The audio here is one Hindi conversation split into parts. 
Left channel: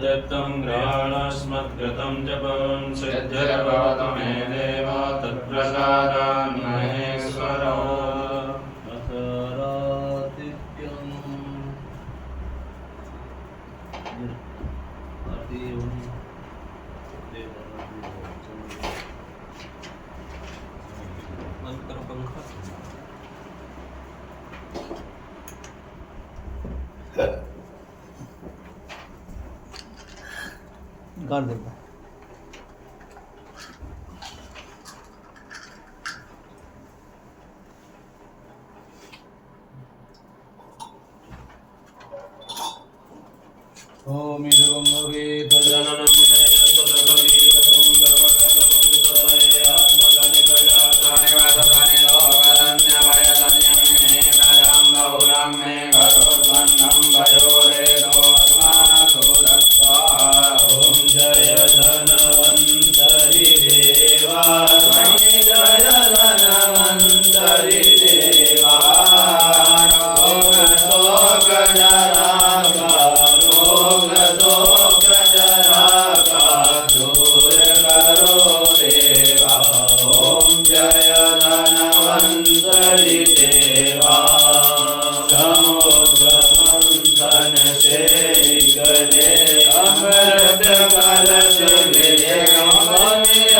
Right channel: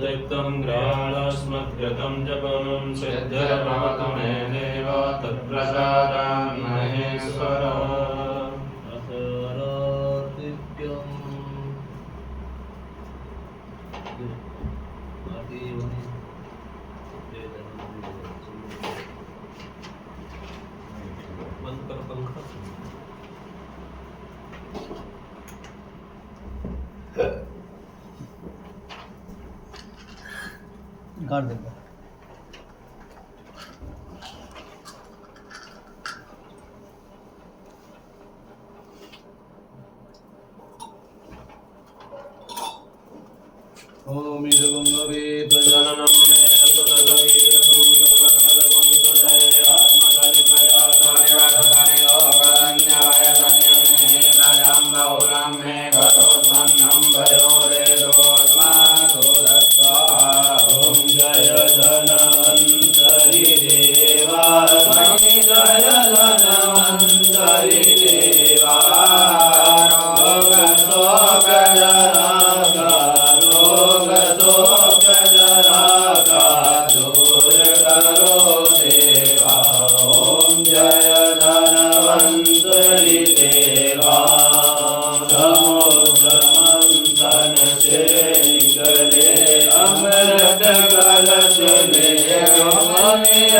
दत्तं गृहाणस्मद्गतं जपं सिद्धिर्भवतु मे देव तत्प्रसादान् महेश्वर बंद करो पंखा। कर देगा ओम इदगंगवे तजननं मे ततगवीरसं सर्वकालकं ततये आत्मकानि प्रजातानि वादतानि लोकन्यायतन्यमे राजां बहुलां मे घटोत्पन्नं भयोरेदोऽस्मासु दत्त्वा ॐ जय धनवन्तरि देवा स्वामी जय धनवन्तरि देवा रोग शोक जरा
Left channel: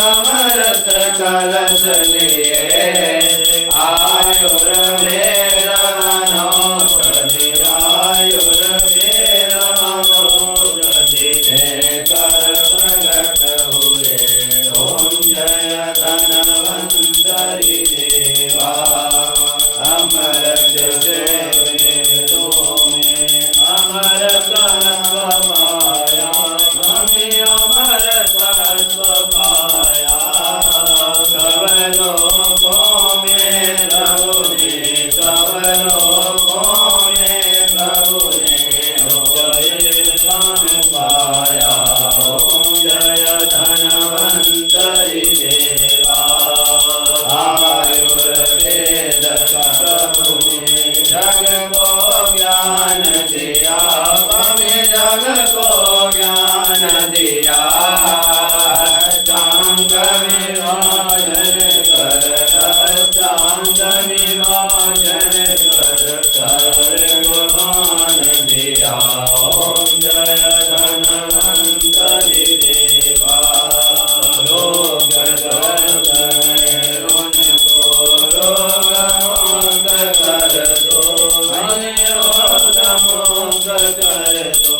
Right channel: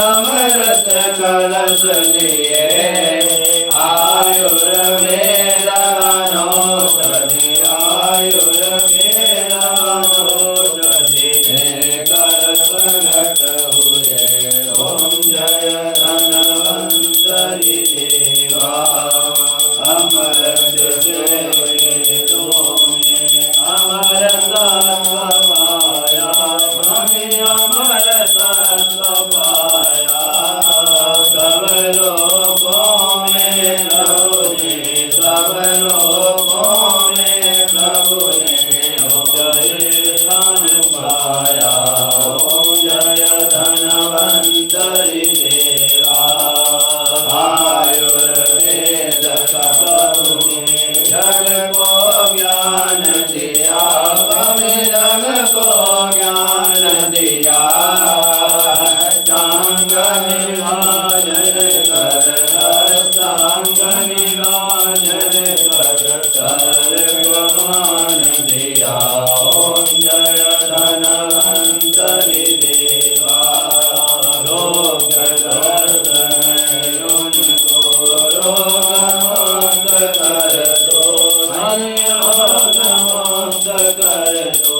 अमृत कलश लिए आयुर्वेदानौषधि आयुर्वेदानौषधि कर प्रगट हुए ओम जय धनवंतरि देवा अमृत से वेदों में अमर तत्व पाया स्वामी अमर तत्व पाया सब लोगों में प्रभु ने सब लोगों में प्रभु ने जय धन पाया ओम जय धनवंतरि देवा आयुर्वेद का प्रभु ने जग को ज्ञान दिया हमें जग को ज्ञान दिया टांग विभाजन कर टांग विभाजन कर सर्वमान दिया ओम जय धनवंतरि देवा रोग दर्द उनको रोग मुक्त कर दो रोग मुक्त कर दो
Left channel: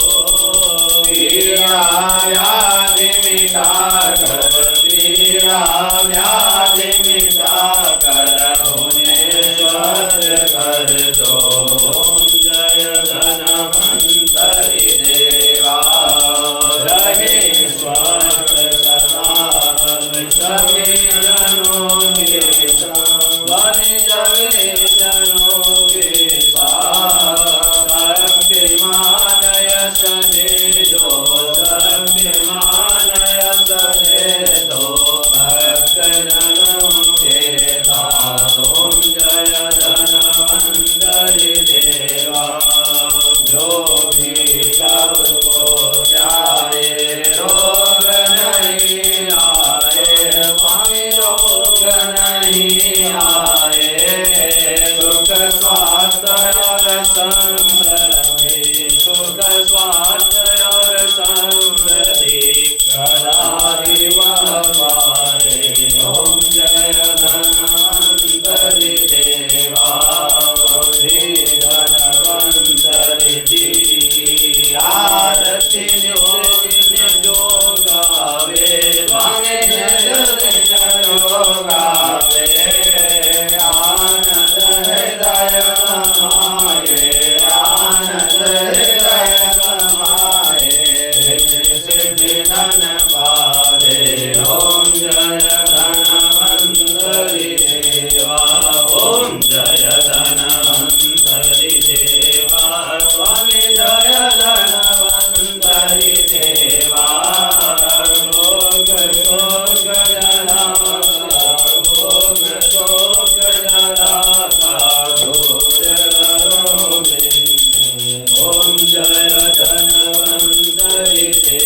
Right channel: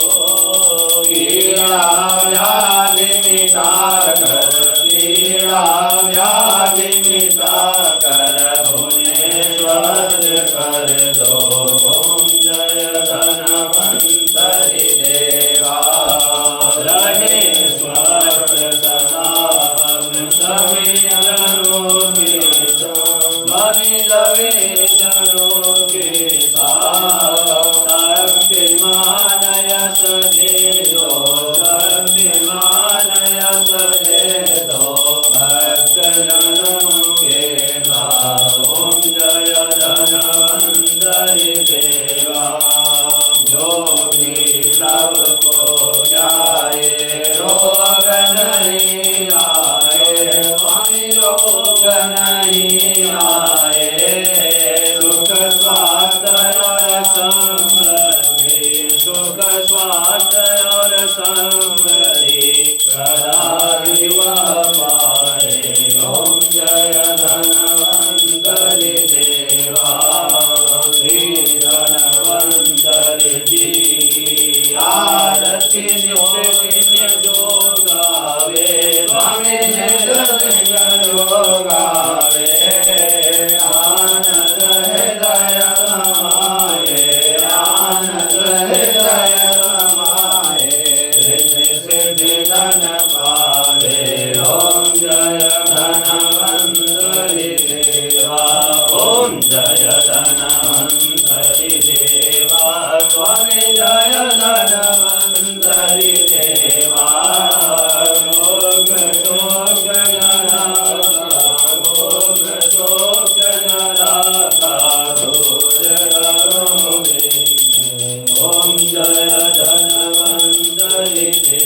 पीड़ा व्याधि मिटा कर पीड़ा व्याधि मिटा कर उन्हें स्वस्थ कर दो ओम जय धनवंतरि देवा रहे स्वस्थ सदा सभी जनों के स्वामी जवे जनों के साथ शक्तिमान यश दे दो शक्तिमान यश दे दो भक्त जनों के नाथ ओम जय धनवंतरि देवा जो भी सबको जाए रोग नहीं आए स्वामी रोग नहीं आए सुख स्वास्थ्य और समृद्धि सुख स्वास्थ्य और समृद्धि सदा ही वह पाए ओम जय धनवंतरि देवा श्री धनवंतरि जी आरती नित्य दिन जो गावे स्वामी नित्य दिन जो गावे आनंद हृदय समाये आनंद हृदय समाये रिद्धि सिद्धि धन पावे ओम जय धनवंतरि देवा ओम जय धनवंतरि देवा स्वामी जय धनवंतरि देवा रोग शोक जरा रोग शोक जरा दूर करो ओम जय धनवंतरि देवा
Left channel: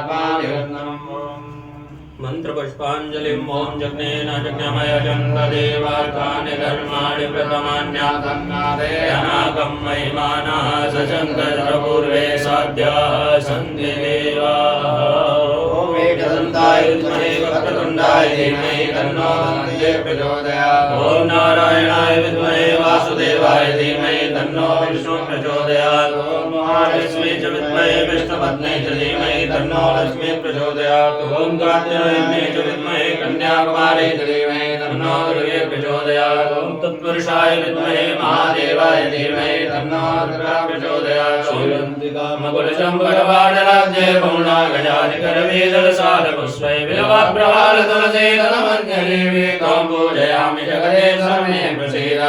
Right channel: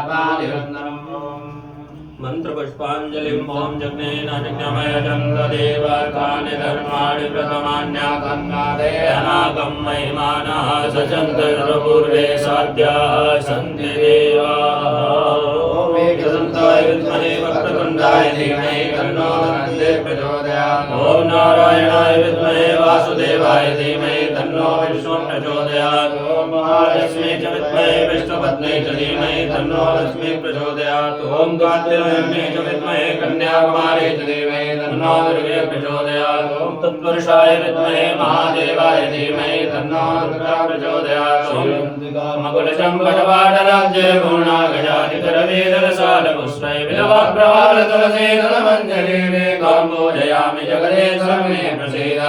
आत्मानिवृत्तम् मंत्रपुष्पाञ्जलिं ॐ जज्ञेन जज्ञमयजन्त देवार्कानि धर्माणि प्रथमान्याकन्नादयनाकं महिमानः सशङ्करपूर्वे साध्याः सन्ति देवाः ॐ एकदन्ताय विद्महे वक्रतुण्डाय धीमहि तन्नो दन्ते प्रचोदयात् ॐ नारायणाय विद्महे वासुदेवाय धीमहि तन्नो विष्णुः प्रचोदयात् ॐ महालक्ष्मी च विद्महे विष्णुपत्नी च धीमहि तन्नो लक्ष्मी प्रचोदयात् ॐ कात्यायनी च विद्महे कन्याकुमारी च धीमहि तन्नो दुर्गे प्रचोदयात् ॐ तत्पुरुषाय विद्महे महादेवाय धीमहि तन्नो दुर्गा प्रचोदयात् ॐ मकुलशम्भटवाटराज्ये पूर्णागजाधिकरवेदलसारपुष्पै बिल्वप्रवालतुलसीदलमञ्जरीवे त्वां पूजयामि जगदीश्वरमे प्रसीद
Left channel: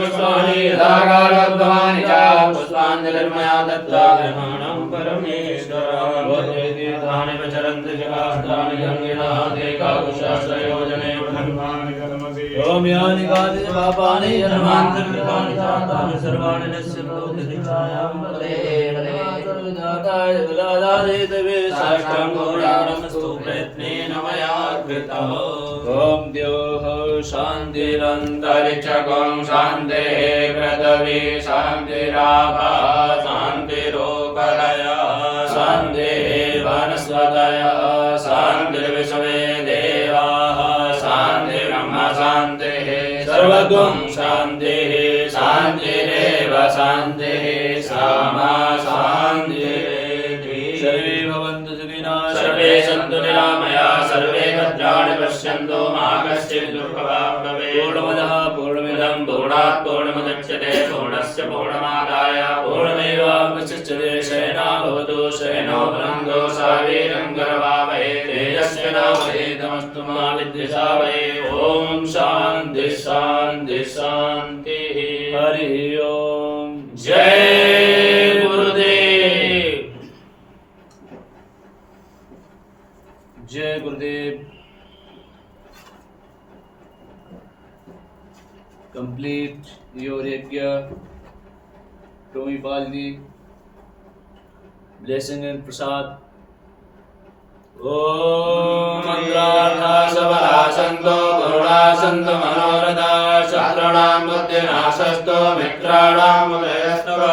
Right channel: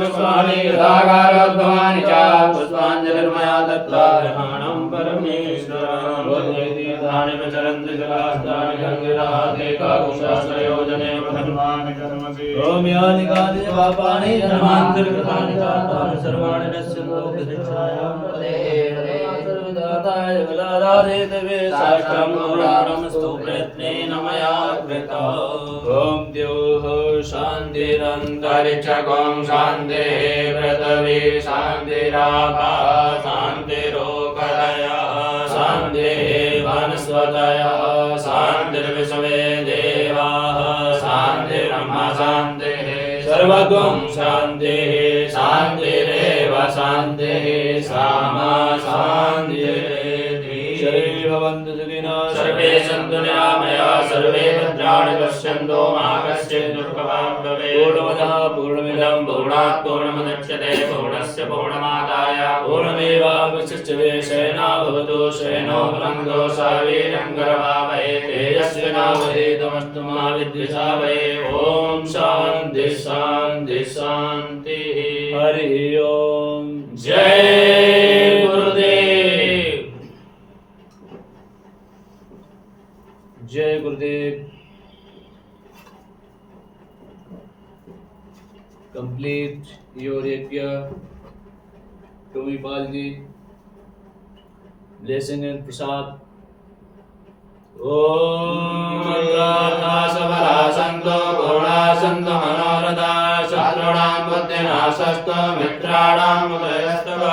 पुष्पाणि यथाकारोद्भवानि च पुष्पाञ्जलिर्मया दत्त्वा ग्रहाणं परमेश्वराणि प्रचरन्ति जलास्तानि गङ्गिरादेकाकुशास्त्रयोजने प्रधन्वानि कर्मसि ॐ यानि कानि च पापानि जन्मान्तर्गतानि चातानि सर्वाणि नश्यन्तो दिशायां सर्वदाताय बलाधारे तवे साष्टां गौराणमस्तु प्रयत्नेन मया कृता ॐ द्योः शान्तिरन्तरिक्षगों शान्तिः पृथिवी शान्तिरापः शान्तिरोकरयः शान्तिः वनस्पतयः शान्तिर्विश्वे देवाः शान्तिर्ब्रह्म शान्तिः सर्वगुं शान्तिः शान्तिरेव शान्तिः सामा शान्तिरेधि सर्वे भवन्तु सुखिनः सर्वे सन्तु निरामया सर्वे भद्राणि पश्यन्तु मा कश्चित् दुःखभाग् भवेत् पूर्णमदः पूर्णमिदं पूर्णात् पूर्णमुदच्यते पूर्णस्य पूर्णमादाय पूर्णमेवावशिष्यते शयनो भवतु शयनो भुनक्तु शावीरं करवावहै तेजस्विनावधीतमस्तु मा विद्विषावहै ॐ शान्ति शान्ति शान्तिः हरि ओम जय गुरुदेव जय गुरुदेव complete your yajna to me Balji blessing and prasad Om Mandrana Sabala Santo Guna Santo Manorada Satranam Buddhinasasto Mitranam Mudayastava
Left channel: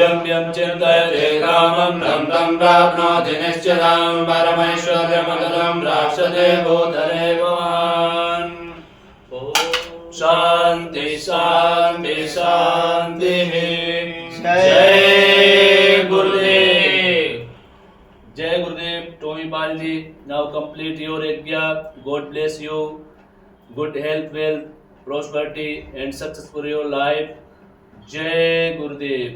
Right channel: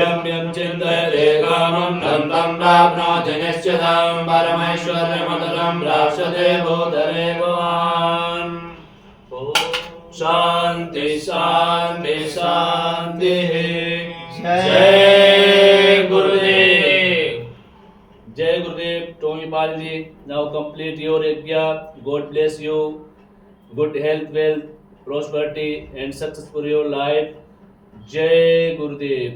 Yam Yam Chintayate Kamam Tam Tam Prapnoti Nishchatam Parameshwaryamadalam Prapsade Bhutane Bhavan शांति शांति शांति जय गुरुदेव जय गुरुदेव Tomi Pal ji now complete your यज्ञ god bless you good health wealth prosperity and success for your life जय गुरुदेव